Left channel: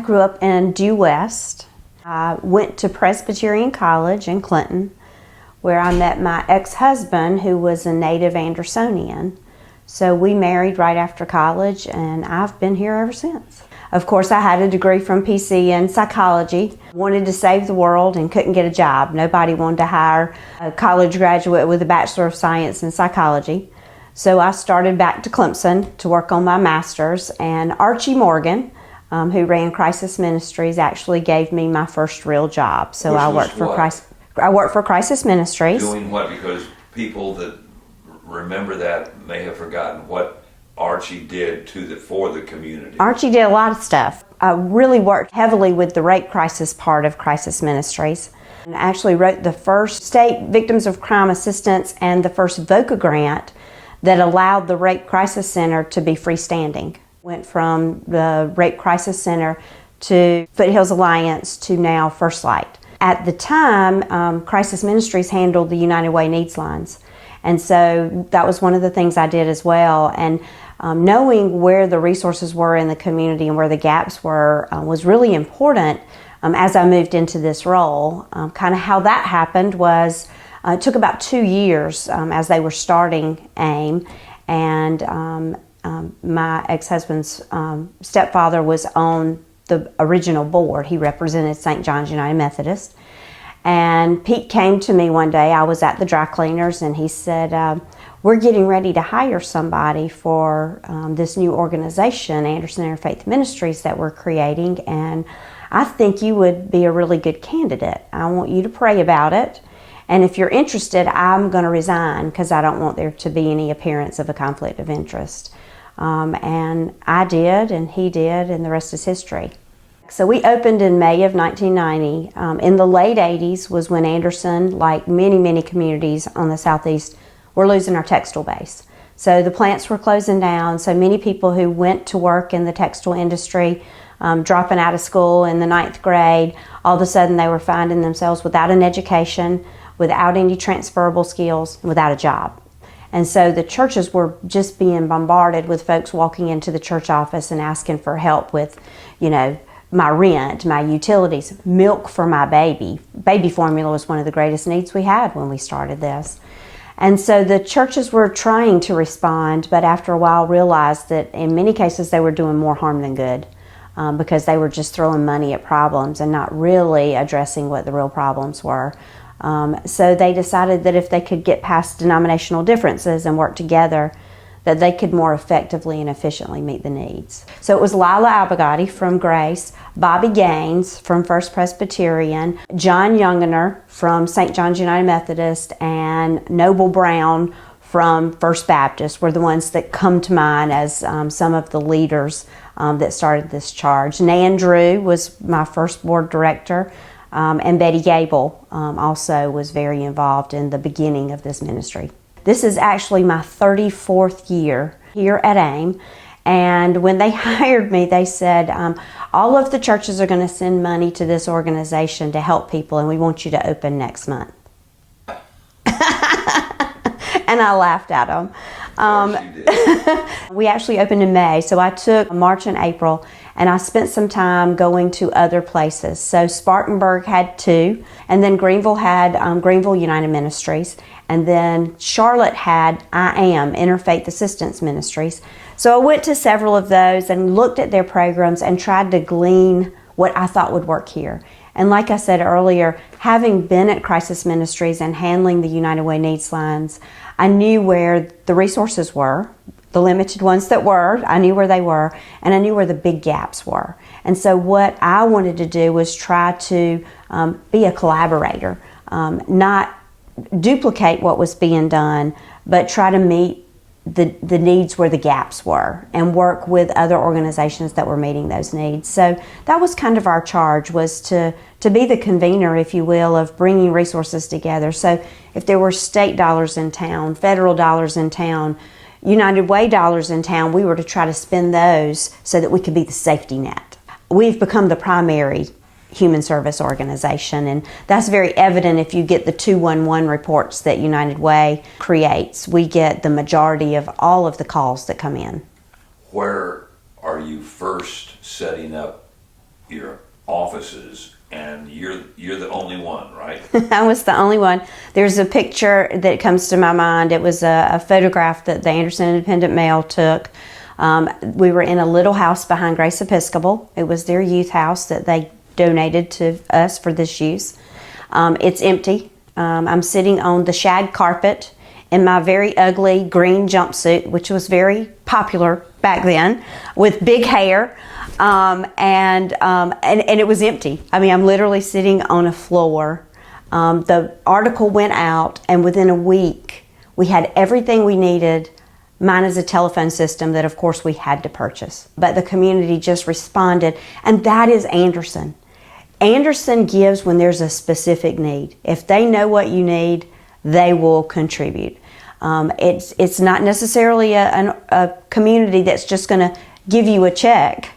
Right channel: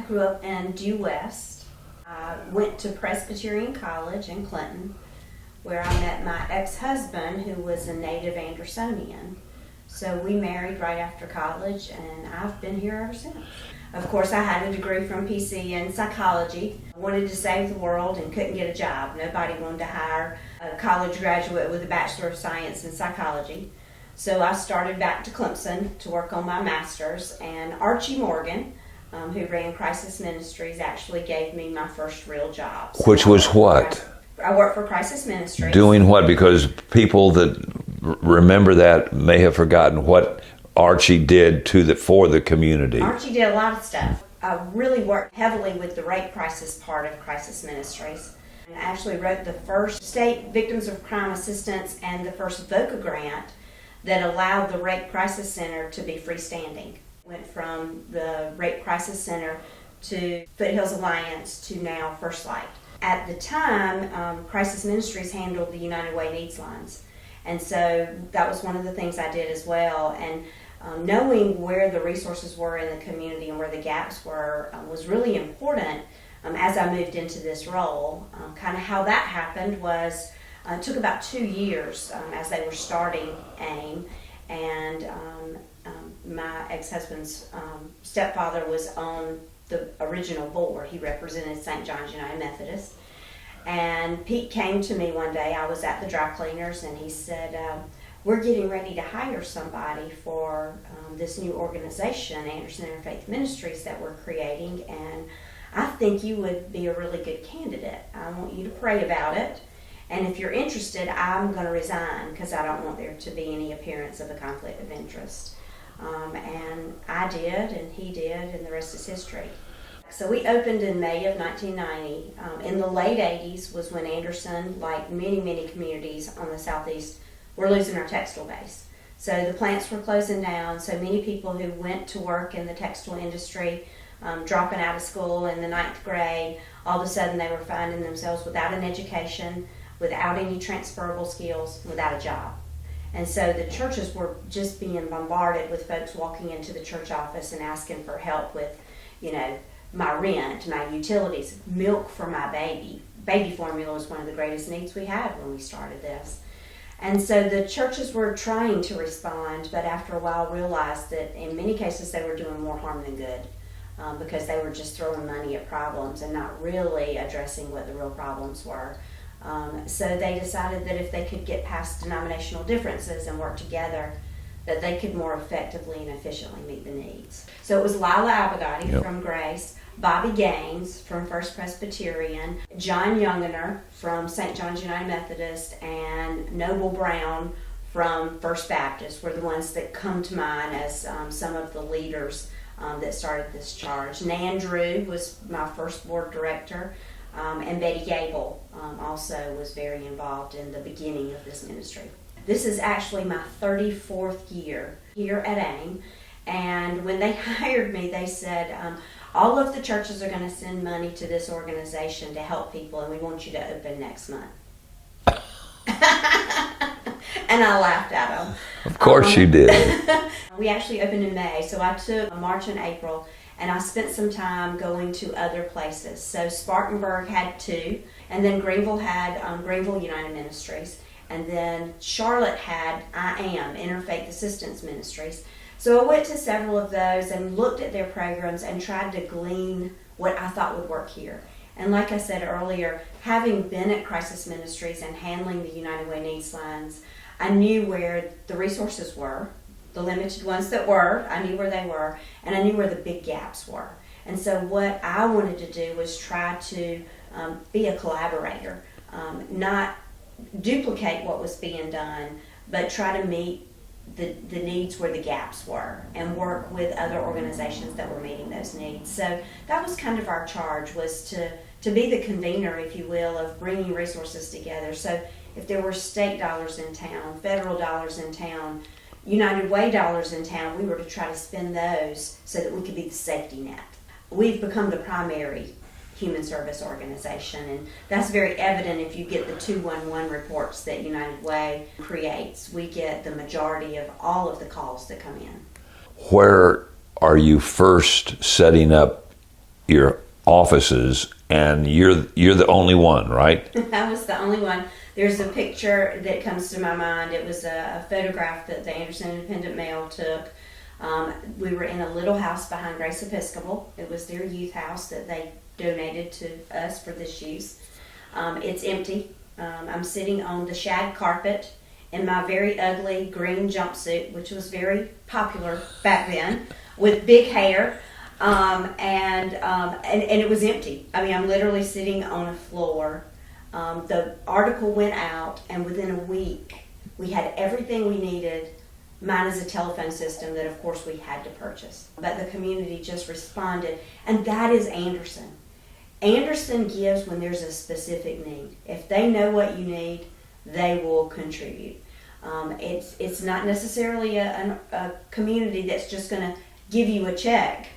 I grew up in Due West. I went to Presbyterian College in Clinton, where I met my ex-husband, who was a native Andersonian. So we married right after college, and I've been here ever since. Of course, I had a degree from PC in psychology. Wanted to save the world and couldn't get a job. Nobody wanted to hire a college graduate with a Bachelor of Science in psychology. So I started back to Clemson to work on my master's, and Archie Morgan, who ran Crisis Ministries, actually gave me my first real job. So Which was what? I worked for Crisis Ministries. Doing what? Because people that remember that may have forgotten what Archie did for the community. Archie did a lot of stuff. I really worked heavily with the rape crisis part of Crisis Ministries. And I actually wrote the first state victims of crime assistance and the first VOCA grant that allowed the Rape Crisis Center to be freestanding. Went from the Rape Crisis Center to Foothills Alliance to now First Light. At the time, Crisis Ministries handled the United Way needs lines. And so that was one of the things I did as well. And knowing where the resources were in the community and where the gaps were was really important as I moved into this role. Kind of how that happened was, it took about 2 years as they were starting AIM, and my ex-husband's stepfather was on the original board. He represented St. John's United Methodist. And Pete came to me one day. I was at the dry cleaners, and he said, we're getting ready to hire somebody for this new organization, Anderson Interfaith Ministries, that we're creating, and I think you would be a really good candidate. I want you to pray about it, and if you're interested, I'm going to resign because I don't want there to be any appearance of a conflict of interest. And I did, and he did, and the rest is history. So we opened in May of 1990. In the late 80s was when Anderson, like many, many communities on the Southeast, were losing our textile base. So the plants were closing down. So many people who went to work in the textile industry, dropping out of school in the 9th grade, all of a sudden they were finding themselves without an education, without any transferable skills, without a job. And so the churches were just being bombarded with folks walking into the church office and asking for help with, my rent, my utilities, milk for my baby. Baby formula was one of the greatest needs we had when we started this. And so the churches were trying to respond, but after a while realized that in many cases they were doing more harm than good because they were just throwing money at problems and not really addressing what the real problems were. So they decided that if they could get past denominational differences and work together, that they could more effectively and efficiently meet the needs. So it was Lila Abagati from Grace, Bobby Gaines from First Presbyterian, John Youngener from St. John's United Methodist, and Noble Brown from First Baptist were the ones that come to mind as some of the leaders that started this charge. Nan Drew was my first board director, and Betty Gable also was very involved in the beginning of this ministry. This is actually my 34th year here at AIM, and when they hired me, they said, all of the churches are going to send money to this organization to help people, and we want you to open next month. And I laughed at them. Of course you did. We actually opened in May, so I took March and April, and I spent some time going to other places. So Spartanburg had 2, and then Greenville had Greenville United Ministries, and then Charlotte had I Am, Interfaith Assistance Ministries. So I went to several of those and looked at their programs and tried to glean what I thought would work here. And like I said earlier, having been at Crisis Ministries and handling the United Way needs lines, I knew where the resources were, the limited ones that were, I knew where they were, and I knew where the big gaps were. And so what I wanted to do was try to be a collaborator, not duplicate what was being done, but try to meet the needs where the gaps were and work with other organizations that were meeting those needs. So that was kind of our charge, was to be the convener, if you will, of bringing resources together. So if there were state dollars in town, federal dollars in town, United Way dollars in town, we were to try to spend those so that we could be the safety net. We've become the primary human service organization, and that's very evident if you get the 211 reports that United Way creates. We get the majority of all of the calls that come in. Where are you first setting up your offices, and you're the only one, right? I was the only one. There's a picture that comes to my mind. It was a photograph that the Anderson Independent Mail took. We were in a little house behind Grace Episcopal. It was their youth house that they donated to us for this use. It's empty. I'm sitting on the shag carpet in my very ugly green jumpsuit, which was very popular back then, with big hair, and it was empty. I mean, I'm literally sitting on a floor. The article went out, and within a week, we had everything we needed, minus a telephone system that, of course, we had to purchase. But the community just responded, and that is Anderson. Anderson gives when there's a specific need. If they know what you need, they will contribute. It's not necessarily a community that's just going to give you a check,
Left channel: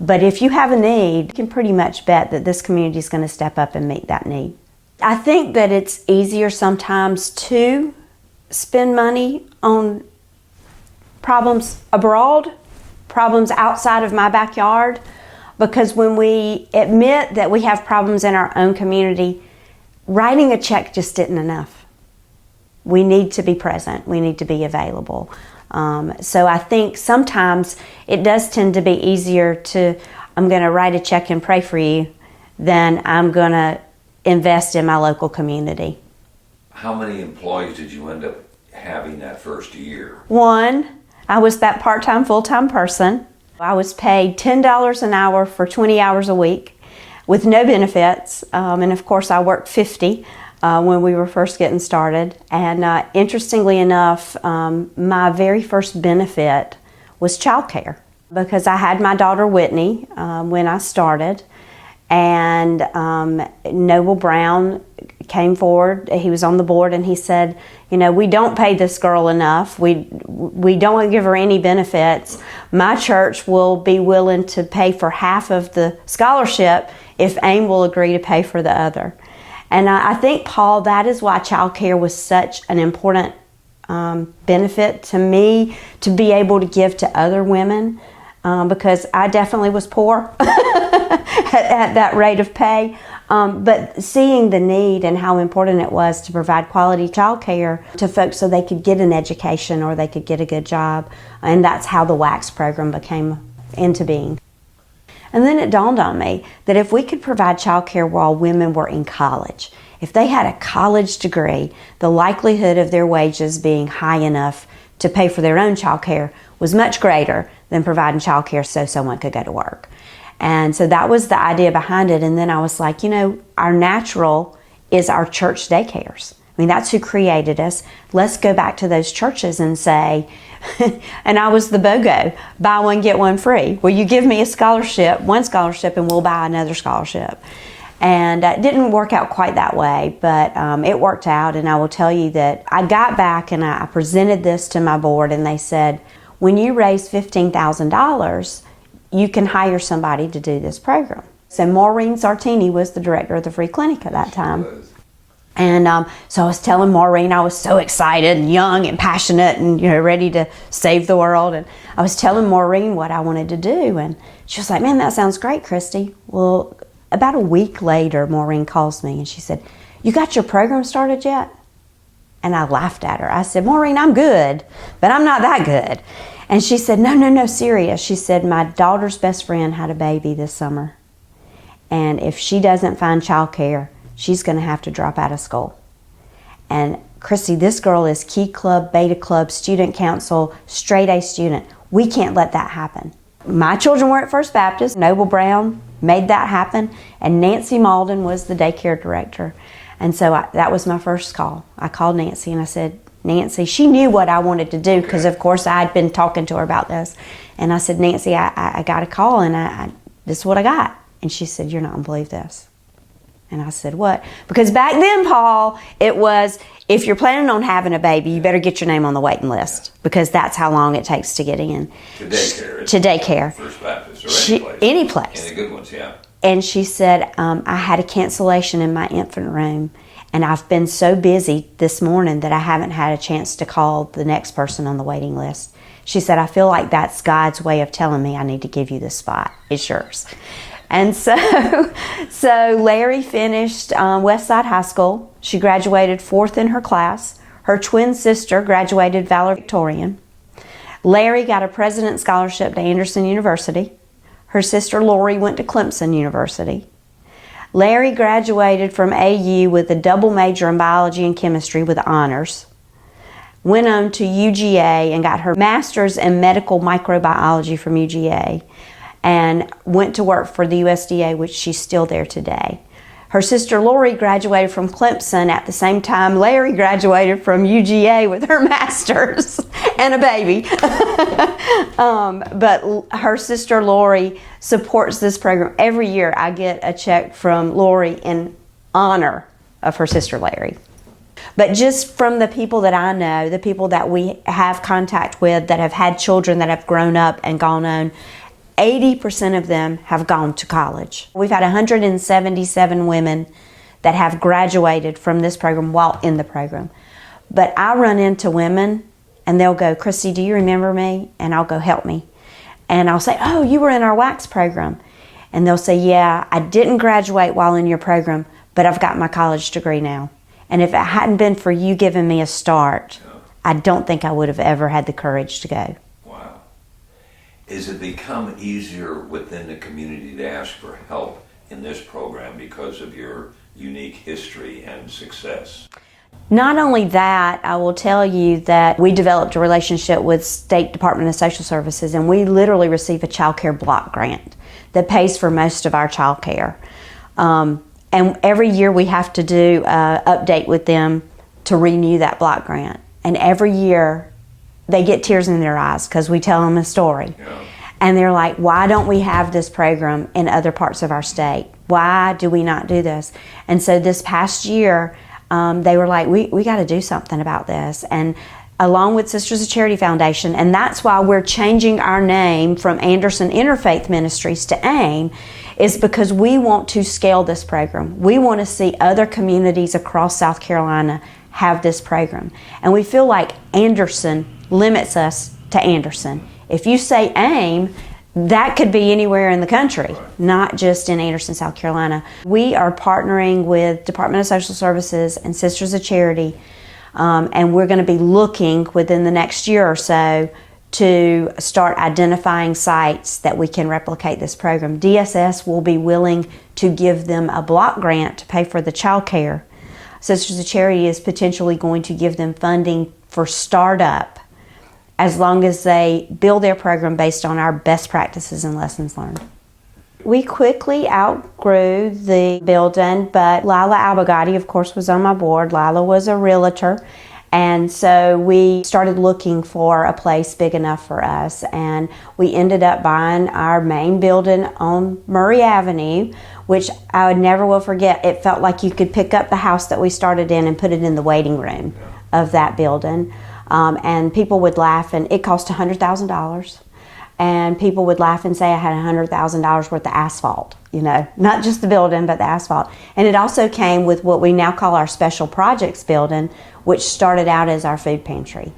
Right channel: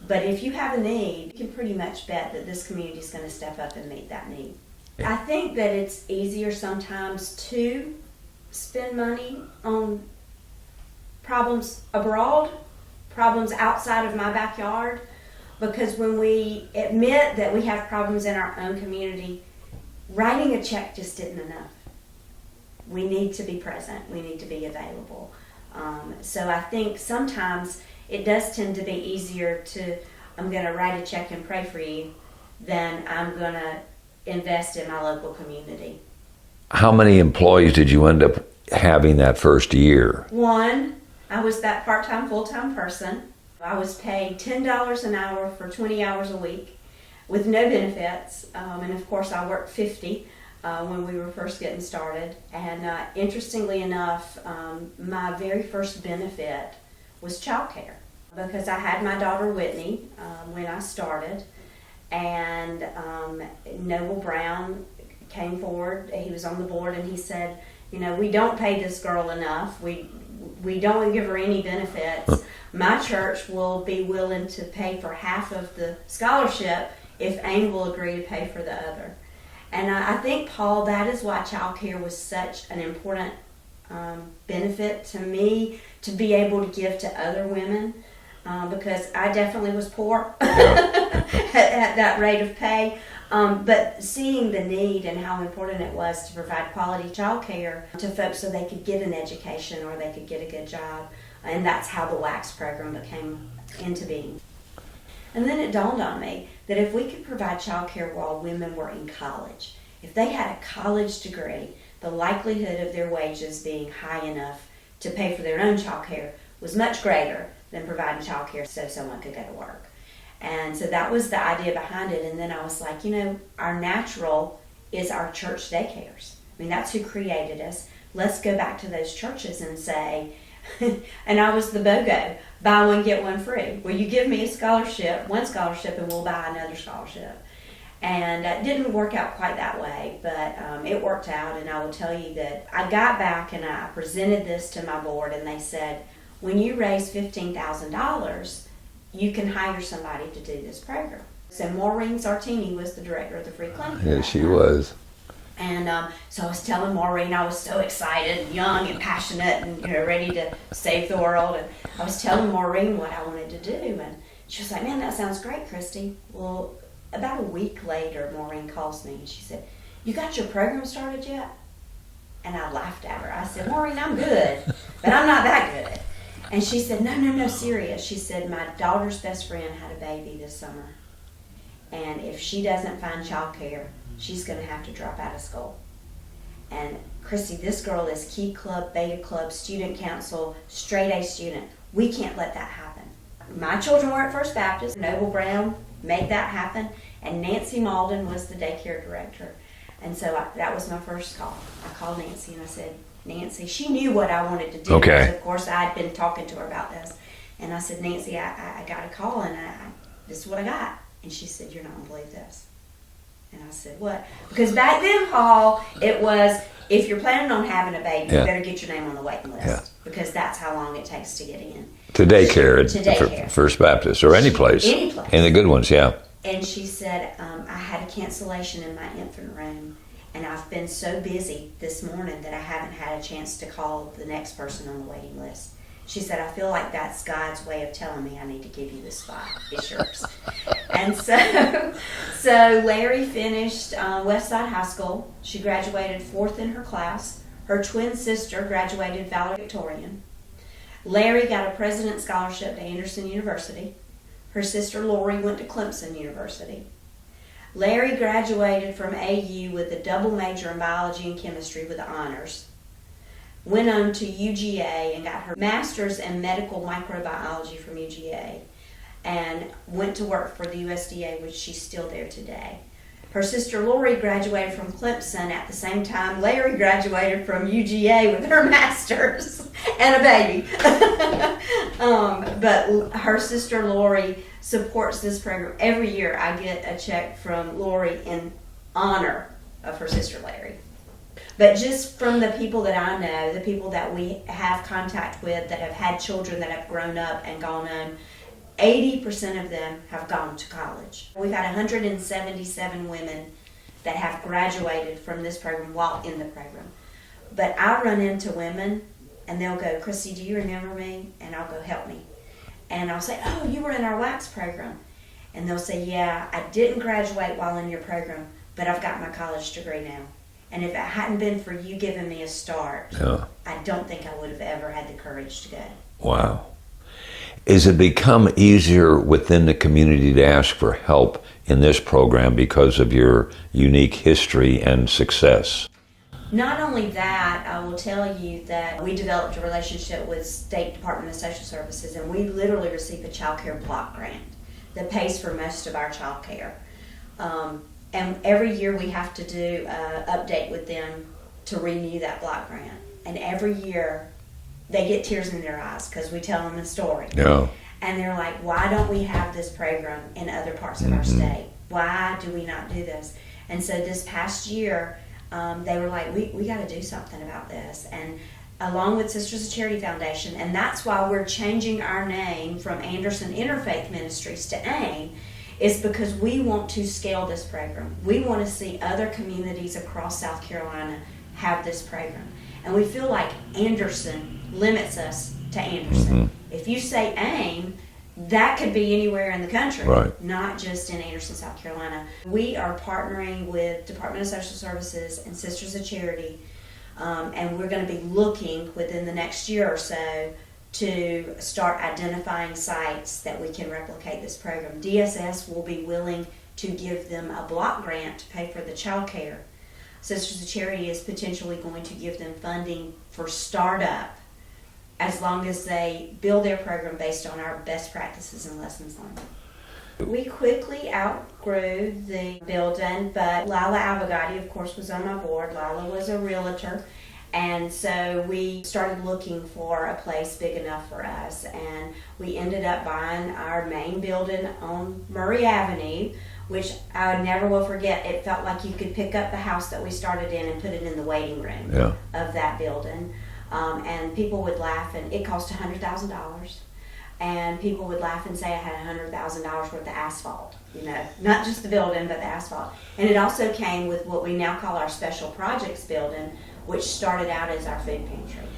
but if you have a need, you can pretty much bet that this community is going to step up and meet that need. I think that it's easier sometimes to spend money on problems abroad, problems outside of my backyard, because when we admit that we have problems in our own community, writing a check just isn't enough. We need to be present. We need to be available. So I think sometimes it does tend to be easier to, I'm going to write a check and pray for you, than I'm going to invest in my local community. How many employees did you end up having that first year? One. I was that part-time, full-time person. I was paid $10 an hour for 20 hours a week with no benefits. And of course, I worked 50 when we were first getting started. And interestingly enough, my very first benefit was childcare, because I had my daughter Whitney when I started. And Noble Brown came forward. He was on the board, and he said, you know, we don't pay this girl enough. We don't give her any benefits. My church will be willing to pay for half of the scholarship if AIM will agree to pay for the other. And I think, Paul, that is why child care was such an important benefit to me, to be able to give to other women, because I definitely was poor at that rate of pay. But seeing the need and how important it was to provide quality child care to folks so they could get an education or they could get a good job. And that's how the WACS program became into being. And then it dawned on me that if we could provide child care while women were in college, if they had a college degree, the likelihood of their wages being high enough to pay for their own child care was much greater than providing child care so someone could go to work. And so that was the idea behind it. And then I was like, you know, our natural is our church daycares. I mean, that's who created us. Let's go back to those churches and say, and I was the BOGO, buy one, get one free. Well, you give me a scholarship, one scholarship, and we'll buy another scholarship. And it didn't work out quite that way, but it worked out. And I will tell you that I got back and I presented this to my board, and they said, when you raise $15,000, you can hire somebody to do this program. So Maureen Sartini was the director of the free clinic at that time. Yes, she was. And so I was telling Maureen I was so excited and young and passionate and, you know, ready to save the world. And I was telling Maureen what I wanted to do. And she was like, man, that sounds great, Kristi. Well, about a week later, Maureen calls me and she said, you got your program started yet? And I laughed at her. I said, Maureen, I'm good, but I'm not that good. And she said, no, serious. She said, my daughter's best friend had a baby this summer. And if she doesn't find child care, she's going to have to drop out of school. And Kristi, this girl is Key Club, Beta Club, Student Council, straight A student. We can't let that happen. My children were at First Baptist. Noble Brown made that happen. And Nancy Malden was the daycare director. And so that was my first call. I called Nancy and I said, Nancy, she knew what I wanted to do because, of course, I had been talking to her about this. And I said, Nancy, I got a call and this is what I got. And she said, you're not going to believe this. And I said, what? Because back then, Paul, it was, if you're planning on having a baby, you better get your name on the waiting list because that's how long it takes to get in. To daycare. To daycare. First Baptist or any place. Any place. And the good ones, yeah. And she said, I had a cancellation in my infant room. And I've been so busy this morning that I haven't had a chance to call the next person on the waiting list. She said, I feel like that's God's way of telling me I need to give you this spot. It's yours. And so Larry finished Westside High School. She graduated 4th in her class. Her twin sister graduated valedictorian. Larry got a President's Scholarship to Anderson University. Her sister Lori went to Clemson University. Larry graduated from AU with a double major in biology and chemistry with honors. Went on to UGA and got her master's in medical microbiology from UGA, and went to work for the USDA, which she's still there today. Her sister Lori graduated from Clemson at the same time Larry graduated from UGA with her master's and a baby. But her sister Lori supports this program. Every year I get a check from Lori in honor of her sister Larry. But just from the people that I know, the people that we have contact with that have had children that have grown up and gone on, 80% of them have gone to college. We've had 177 women that have graduated from this program while in the program. But I run into women and they'll go, Kristi, do you remember me? And I'll go, help me. And I'll say, oh, you were in our wax program. And they'll say, yeah, I didn't graduate while in your program, but I've got my college degree now. And if it hadn't been for you giving me a start, I don't think I would have ever had the courage to go. Wow. Has it become easier within the community to ask for help in this program because of your unique history and success? Not only that, I will tell you that we developed a relationship with State Department of Social Services, and we literally receive a child care block grant that pays for most of our child care. And every year we have to do an update with them to renew that block grant. And every year they get tears in their eyes because we tell them a story. Yeah. And they're like, why don't we have this program in other parts of our state? Why do we not do this? And so this past year, they were like, we got to do something about this. And along with Sisters of Charity Foundation, and that's why we're changing our name from Anderson Interfaith Ministries to AIM, is because we want to scale this program. We want to see other communities across South Carolina have this program. And we feel like Anderson limits us to Anderson. If you say AIM, that could be anywhere in the country, not just in Anderson, South Carolina. We are partnering with Department of Social Services and Sisters of Charity, and we're going to be looking within the next year or so to start identifying sites that we can replicate this program. DSS will be willing to give them a block grant to pay for the child care. Sisters of Charity is potentially going to give them funding for startup as long as they build their program based on our best practices and lessons learned. We quickly outgrew the building, but Lila Abogati, of course, was on my board. Lila was a realtor, and so we started looking for a place big enough for us, and we ended up buying our main building on Murray Avenue, which I would never will forget. It felt like you could pick up the house that we started in and put it in the waiting room of that building. And people would laugh, and it cost $100,000. And people would laugh and say I had $100,000 worth of asphalt, you know, not just the building, but the asphalt. And it also came with what we now call our Special Projects building, which started out as our food pantry.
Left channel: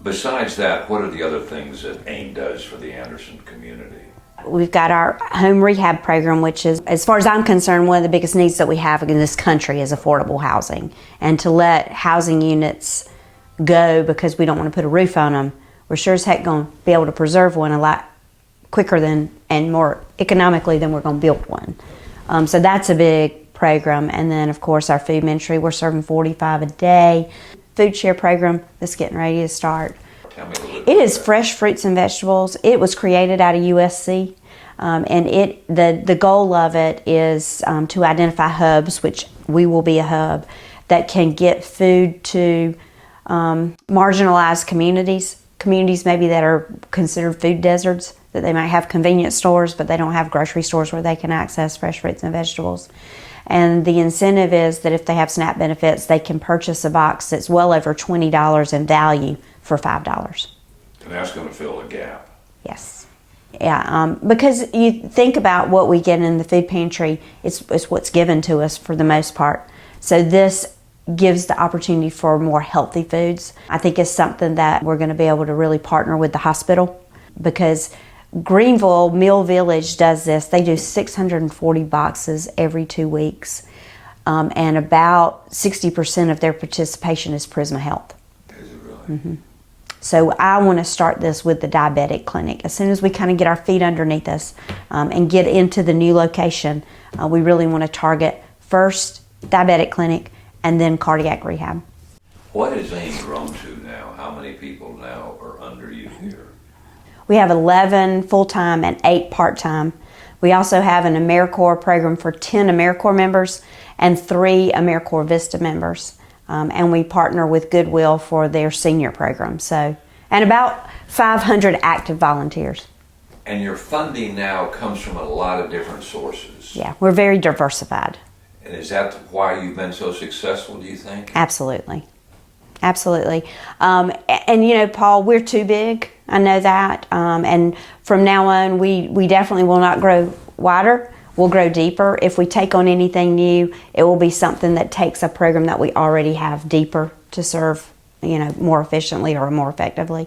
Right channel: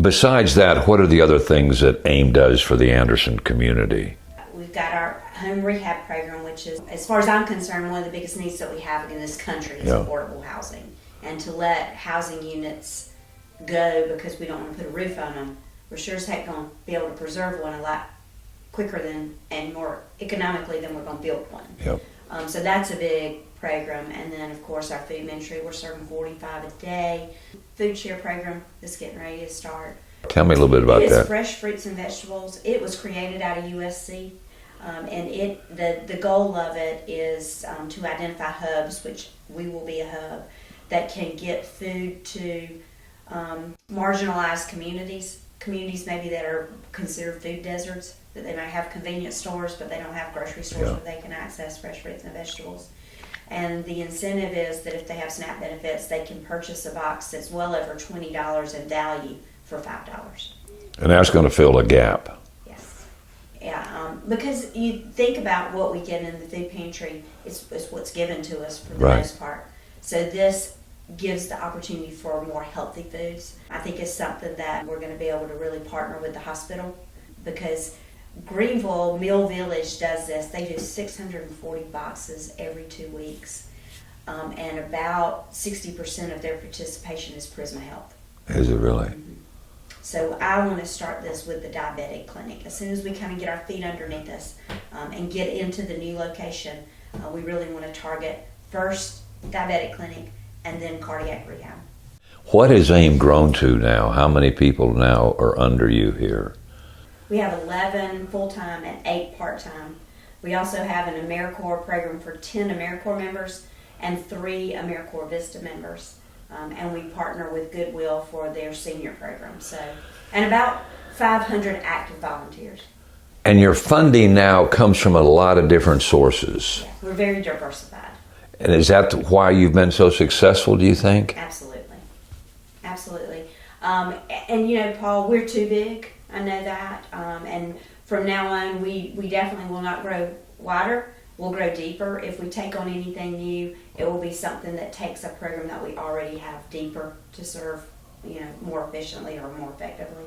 Besides that, what are the other things that AIM does for the Anderson community? We've got our home rehab program, which is, as far as I'm concerned, one of the biggest needs that we have in this country is affordable housing. And to let housing units go because we don't want to put a roof on them, we're sure as heck going to be able to preserve one a lot quicker than and more economically than we're going to build one. So that's a big program. And then, of course, our food ministry, we're serving 45 a day. Food share program that's getting ready to start. Tell me a little bit about that. It is fresh fruits and vegetables. It was created out of USC. And the goal of it is to identify hubs, which we will be a hub, that can get food to marginalized communities maybe that are considered food deserts, that they might have convenience stores, but they don't have grocery stores where they can access fresh fruits and vegetables. And the incentive is that if they have SNAP benefits, they can purchase a box that's well over $20 in value for $5. And that's going to fill a gap. Yes. Yeah, because you think about what we get in the food pantry, it's what's given to us for the most part. So this gives the opportunity for more healthy foods. I think it's something that we're going to be able to really partner with the hospital, because Greenville Mill Village does this. They do 640 boxes every 2 weeks, and about 60% of their participation is Prisma Health. Is it really? Mm-hmm. So I want to start this with the diabetic clinic. As soon as we kind of get our feet underneath us and get into the new location, we really want to target first diabetic clinic and then cardiac rehab. What has AIM grown to now? How many people now are under you here? We have 11 full-time and 8 part-time. We also have an AmeriCorps program for 10 AmeriCorps members and 3 AmeriCorps Vista members. And we partner with Goodwill for their senior program. So, and about 500 active volunteers. And your funding now comes from a lot of different sources. Yeah, we're very diversified. And is that why you've been so successful, do you think? Absolutely. Absolutely. And you know, Paul, we're too big. I know that. And from now on, we definitely will not grow wider. We'll grow deeper. If we take on anything new, it will be something that takes a program that we already have deeper to serve, you know, more efficiently or more effectively.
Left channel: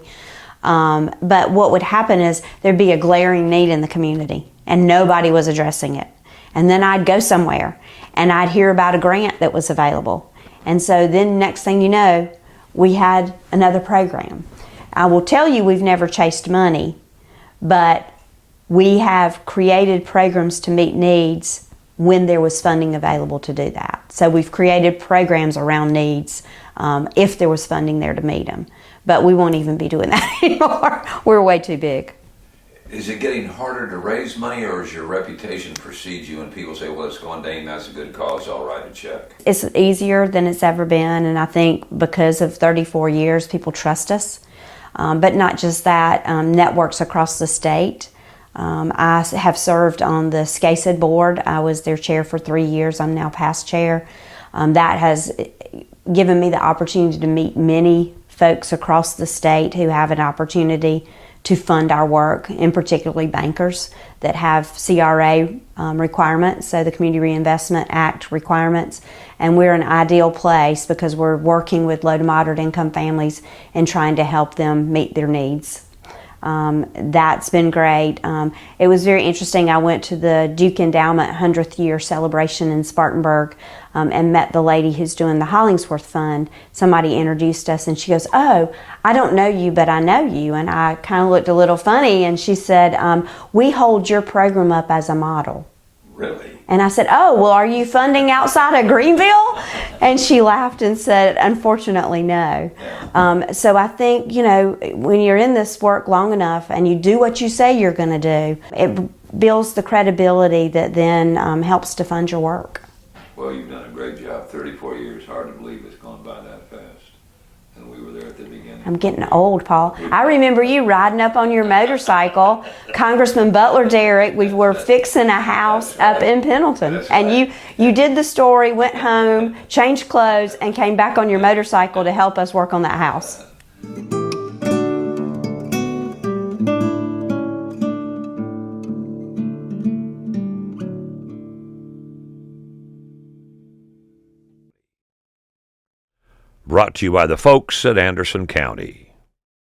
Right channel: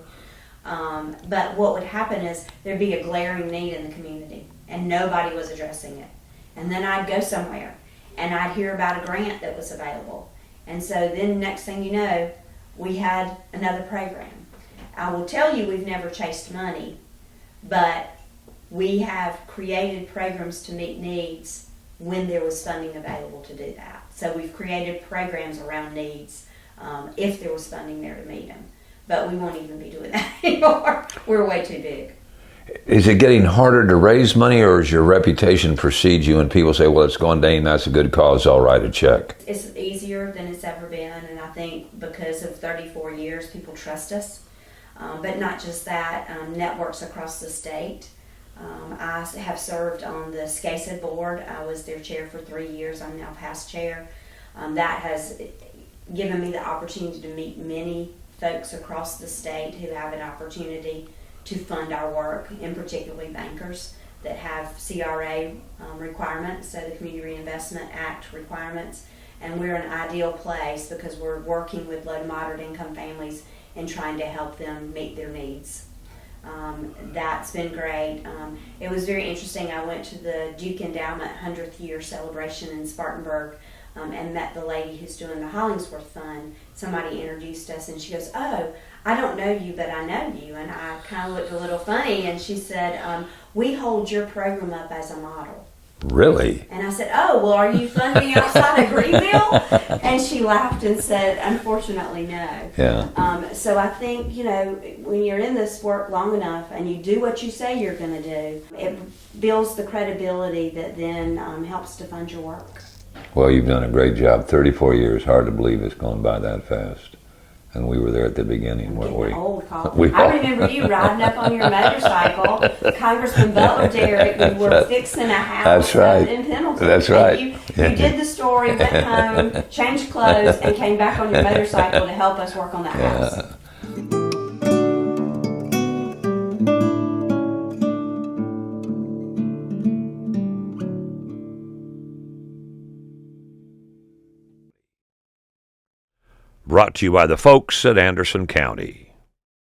But what would happen is there'd be a glaring need in the community and nobody was addressing it. And then I'd go somewhere and I'd hear about a grant that was available. And so then next thing you know, we had another program. I will tell you, we've never chased money, but we have created programs to meet needs when there was funding available to do that. So we've created programs around needs if there was funding there to meet them. But we won't even be doing that anymore. We're way too big. Is it getting harder to raise money, or is your reputation precedes you and people say, well, it's going to AIM, that's a good cause, I'll write a check? It's easier than it's ever been, and I think because of 34 years, people trust us. But not just that, networks across the state. I have served on the SCASID board. I was their chair for 3 years. I'm now past chair. That has given me the opportunity to meet many folks across the state who have an opportunity to fund our work, and particularly bankers that have CRA requirements, so the Community Reinvestment Act requirements. And we're an ideal place because we're working with low to moderate income families and trying to help them meet their needs. That's been great. It was very interesting. I went to the Duke Endowment 100th year celebration in Spartanburg and met the lady who's doing the Hollingsworth Fund. Somebody introduced us and she goes, "Oh, I don't know you, but I know you." And I kind of looked a little funny and she said, "We hold your program up as a model." Really? And I said, "Oh, well, are you funding outside of Greenville?" And she laughed and said, "Unfortunately, no." Yeah. So I think, you know, when you're in this work long enough and you do what you say you're going to do, it builds the credibility that then helps to fund your work. Well, you've done a great job. 34 years, hard to believe it's gone by that fast. And we were there at the beginning. I'm getting old, Paul. I remember you riding up on your motorcycle, Congressman Butler Derrick. We were fixing a house up in Pendleton. That's right. And you did the story, went home, changed clothes, and came back on your motorcycle to help us work on that house. Brought to you by the folks at Anderson County.